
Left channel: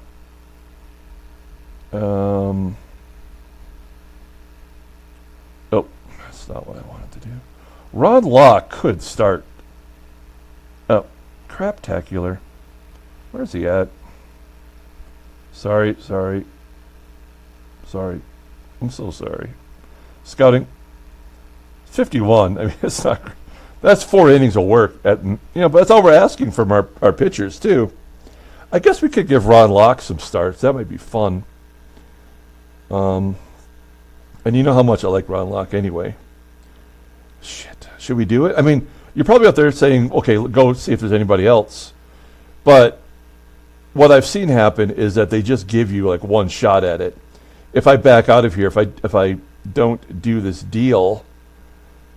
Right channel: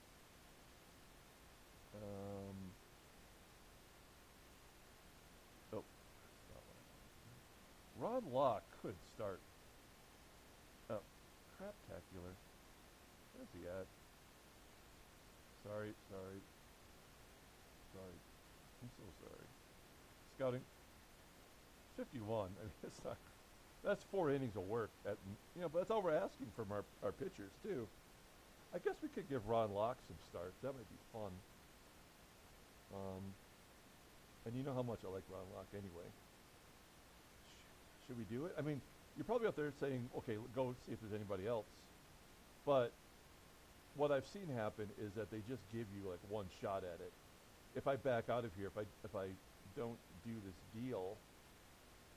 Oh, that's not what I wanted to do. Ron Locke could start. Oh, craptacular. Where's he at? Sorry. I'm so sorry. Scouting. 51. I mean, it's not. That's 4 innings of work. But that's all we're asking from our pitchers too. I guess we could give Ron Locke some starts. That might be fun. And you know how much I like Ron Locke anyway. Shit. Should we do it? I mean, you're probably out there saying, okay, go see if there's anybody else. But what I've seen happen is that they just give you like one shot at it. If I back out of here, if I don't do this deal,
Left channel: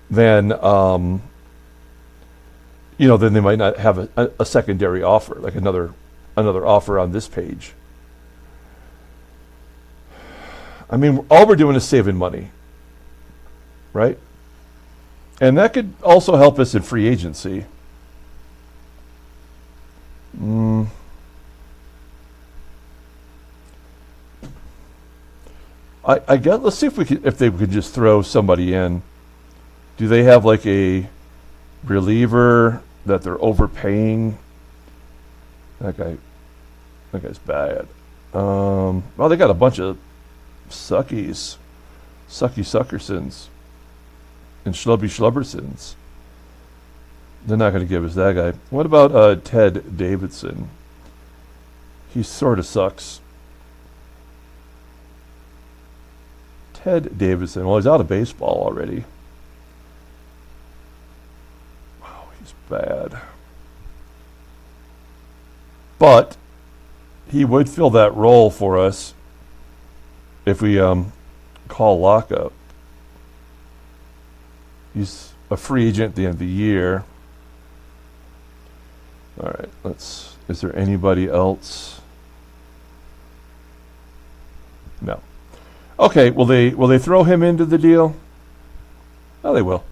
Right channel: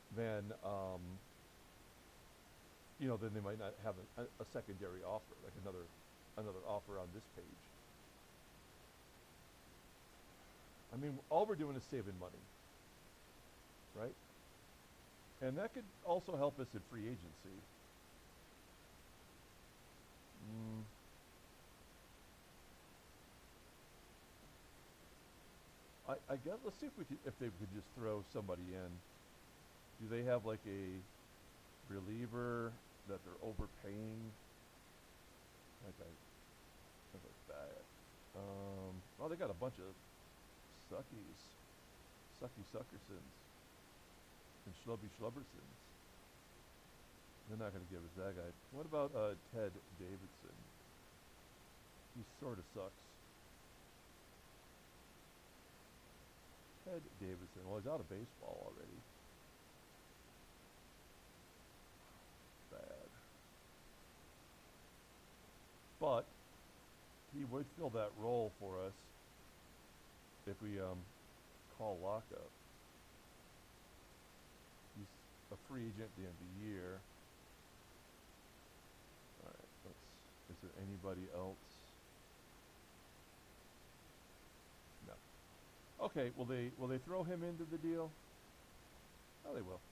then then they might not have a secondary offer, like another offer on this page. I mean, all we're doing is saving money, right? And that could also help us in free agency. I guess let's see if they could just throw somebody in. Do they have like a reliever that they're overpaying? That guy's bad. Well, they got a bunch of Sucky Suckersons and Schlubby Schlubbersons. They're not going to give us that guy. What about Ted Davidson? He sort of sucks. Ted Davidson. Well, he's out of baseball already. Wow, he's bad. But he would fill that role for us if we call Locke up. He's a free agent at the end of the year. All right, is there anybody else? No. Okay, will they throw him into the deal? Oh, they will.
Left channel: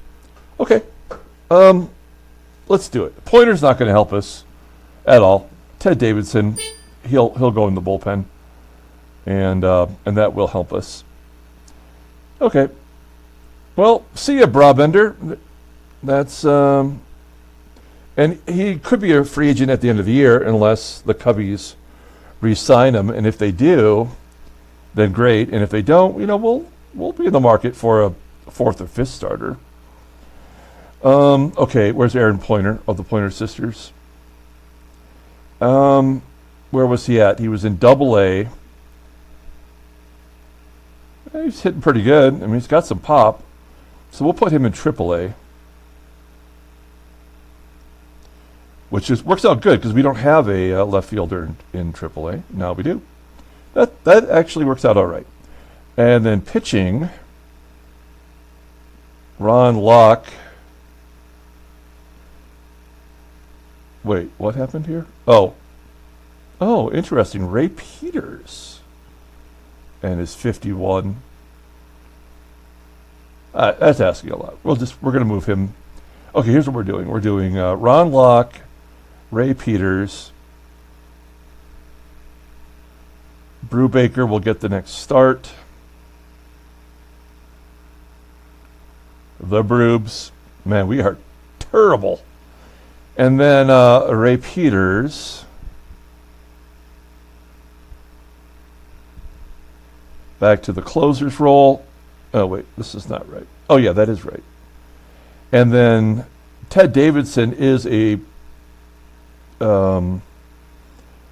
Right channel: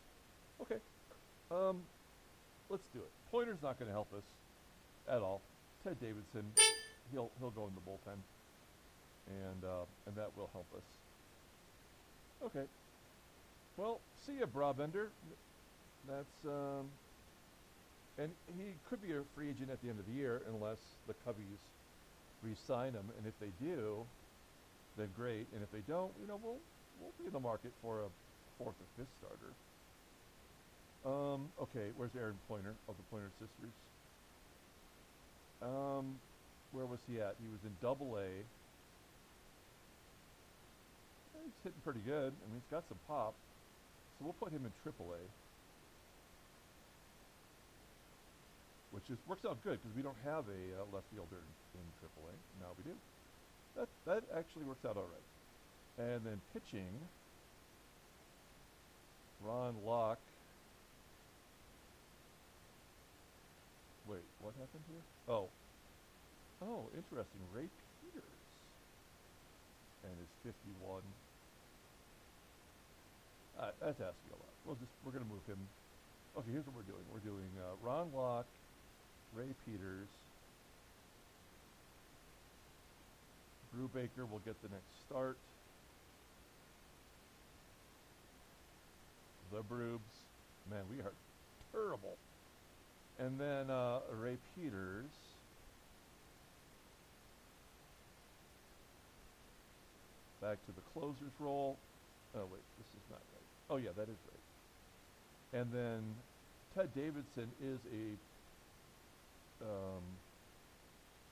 Okay. Let's let's do it. Pointer's not going to help us at all. Ted Davidson, he'll go in the bullpen, and that will help us. Okay. Well, see ya, Brabender. That's and he could be a free agent at the end of the year unless the Cubbies re-sign him. And if they do, then great. And if they don't, we'll be in the market for a fourth or fifth starter. Okay, where's Aaron Pointer of the Pointer Sisters? Where was he at? He was in Double-A. He's hitting pretty good. I mean, he's got some pop. So we'll put him in Triple-A. Which works out good because we don't have a left fielder in Triple-A. Now we do. That actually works out all right. And then pitching, Ron Locke. Wait, what happened here? Oh, interesting. Ray Peters and his 51. That's asking a lot. We're going to move him. Okay, here's what we're doing. We're doing Ron Locke, Ray Peters. Brubaker will get the next start. The Brubs. Man, we are terrible. And then Ray Peters. Back to the closer's role. Oh, wait, this is not right. Oh, yeah, that is right. And then Ted Davidson is on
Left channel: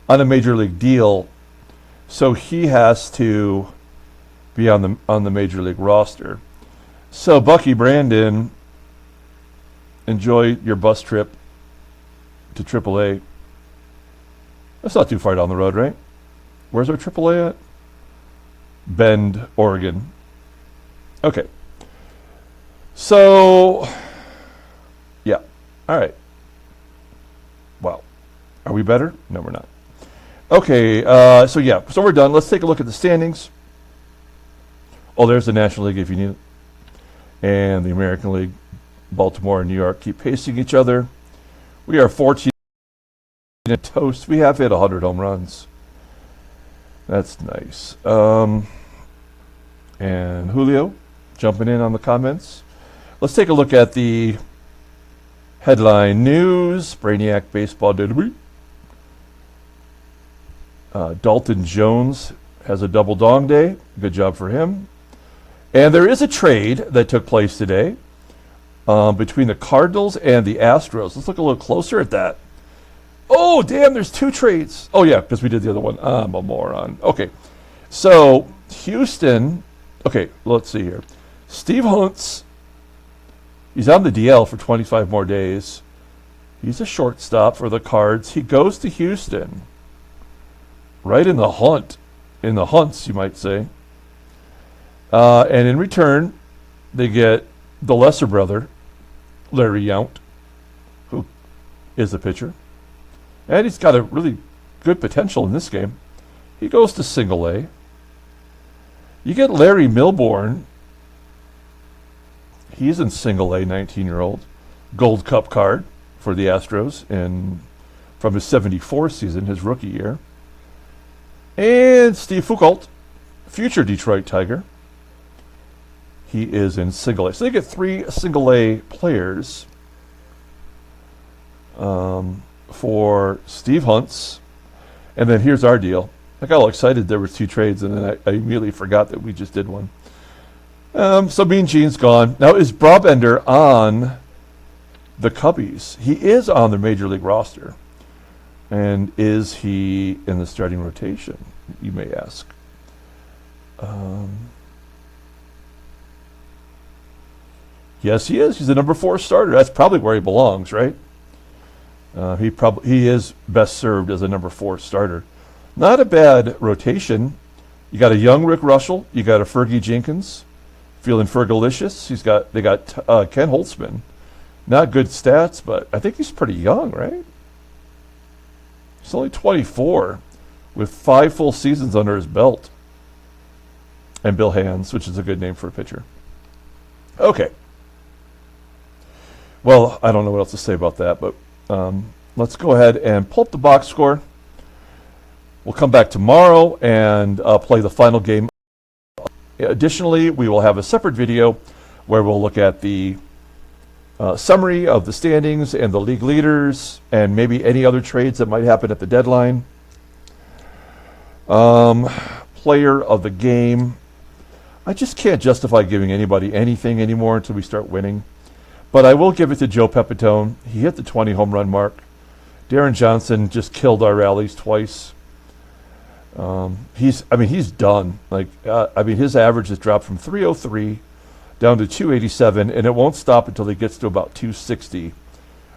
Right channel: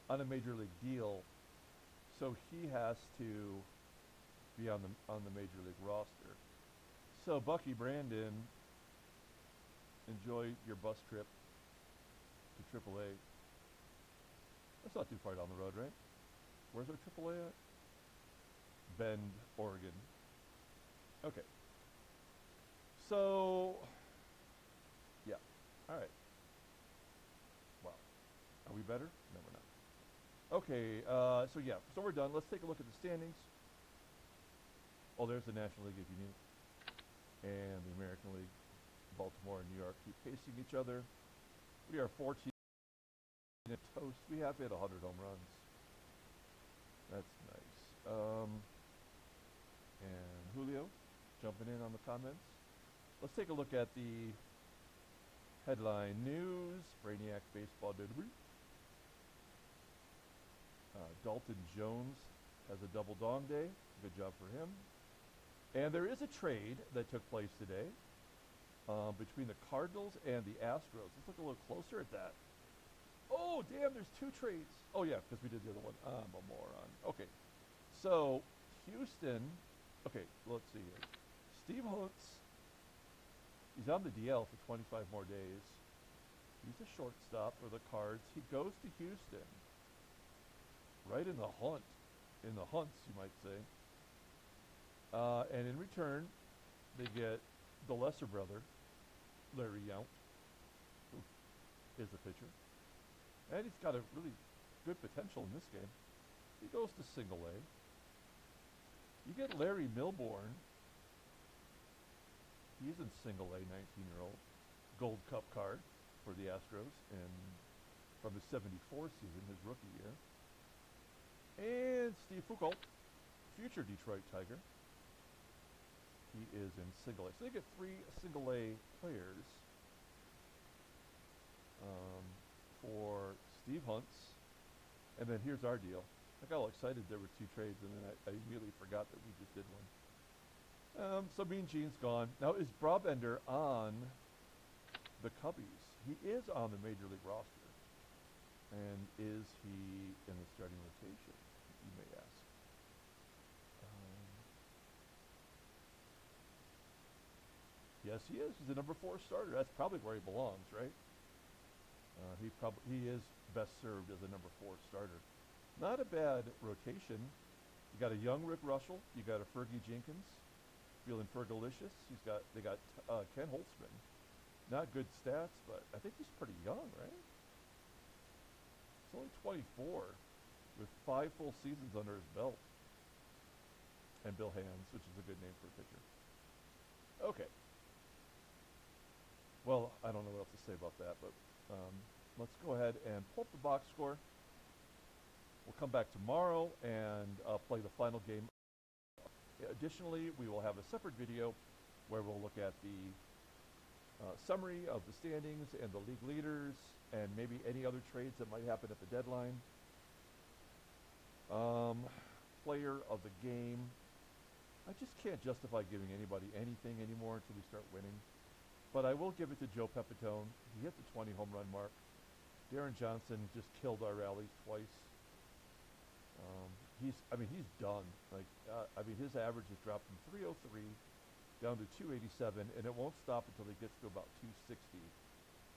a major league deal, so he has to be on the major league roster. So Bucky Brandon, enjoy your bus trip to AAA. That's not too far down the road, right? Where's our AAA at? Bend, Oregon. Okay. So, yeah. All right. Wow. Are we better? No, we're not. Okay. So we're done. Let's take a look at the standings. Oh, there's the National League if you need it. And the American League, Baltimore and New York keep pacing each other. We are 14 and toast. We have hit 100 home runs. That's nice. And Julio jumping in on the comments. Let's take a look at the headline news. Brainiac baseball database. Dalton Jones has a double dong day. Good job for him. And there is a trade that took place today between the Cardinals and the Astros. Let's look a little closer at that. Oh, damn, there's two trades. Oh, yeah, because we did the other one. I'm a moron. Okay, so Houston. Okay, let's see here. Steve Huntz, he's on the DL for 25 more days. He's a shortstop for the Cards. He goes to Houston. Right in the hunts, you might say. And in return, they get the lesser brother, Larry Yount, who is the pitcher. And he's got a really good potential in this game. He goes to Single-A. You get Larry Milbourne. He's in Single-A, 19-year-old. Gold Cup card for the Astros from his 74 season, his rookie year. And Steve Foucault, future Detroit Tiger. He is in Single-A. So they get 3 Single-A players for Steve Huntz. And then here's our deal. I got all excited there were 2 trades, and then I immediately forgot that we just did one. So Mean Gene's gone. Now, is Brabender on the Cubbies? He is on the Major League roster. And is he in the starting rotation, you may ask? Yes, he is. He's the number 4 starter. That's probably where he belongs, right? He is best served as a number 4 starter. Not a bad rotation. You got a young Rick Russell. You got a Fergie Jenkins, feeling Fergalicious. They got Ken Holtzman. Not good stats, but I think he's pretty young, right? He's only 24, with 5 full seasons under his belt. And Bill Hands, which is a good name for a pitcher. Okay. Well, I don't know what else to say about that, but let's go ahead and pull up the box score. We'll come back tomorrow and play the final game. Additionally, we will have a separate video where we'll look at the summary of the standings and the league leaders and maybe any other trades that might happen at the deadline. Player of the game. I just can't justify giving anybody anything anymore until we start winning. But I will give it to Joe Pepitone. He hit the 20 home run mark. Deron Johnson just killed our rallies twice. He's done. His average has dropped from 303 down to 287, and it won't stop until he gets to about 260.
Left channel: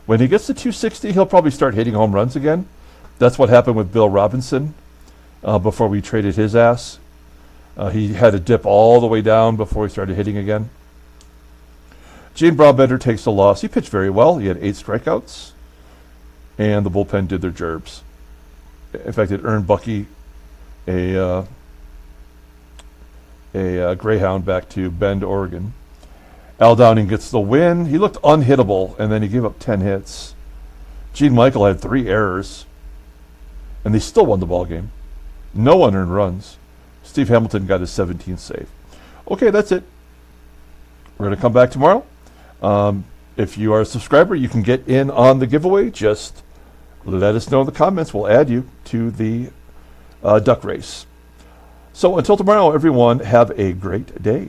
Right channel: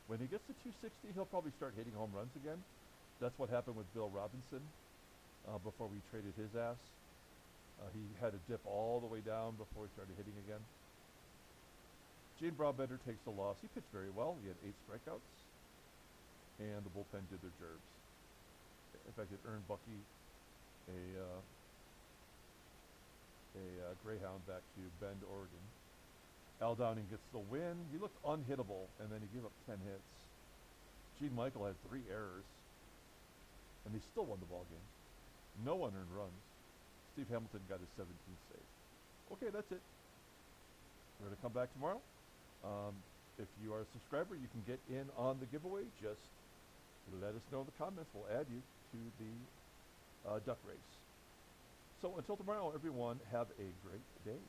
When he gets to 260, he'll probably start hitting home runs again. That's what happened with Bill Robinson before we traded his ass. He had to dip all the way down before he started hitting again. Gene Brabender takes the loss. He pitched very well. He had 8 strikeouts, and the bullpen did their gerbs. In fact, it earned Bucky a Greyhound back to Bend, Oregon. Al Downing gets the win. He looked unhittable, and then he gave up 10 hits. Gene Michael had 3 errors, and they still won the ball game. No unearned runs. Steve Hamilton got his 17th save. Okay, that's it. We're going to come back tomorrow. If you are a subscriber, you can get in on the giveaway. Just let us know in the comments. We'll add you to the duck race. So until tomorrow, everyone, have a great day.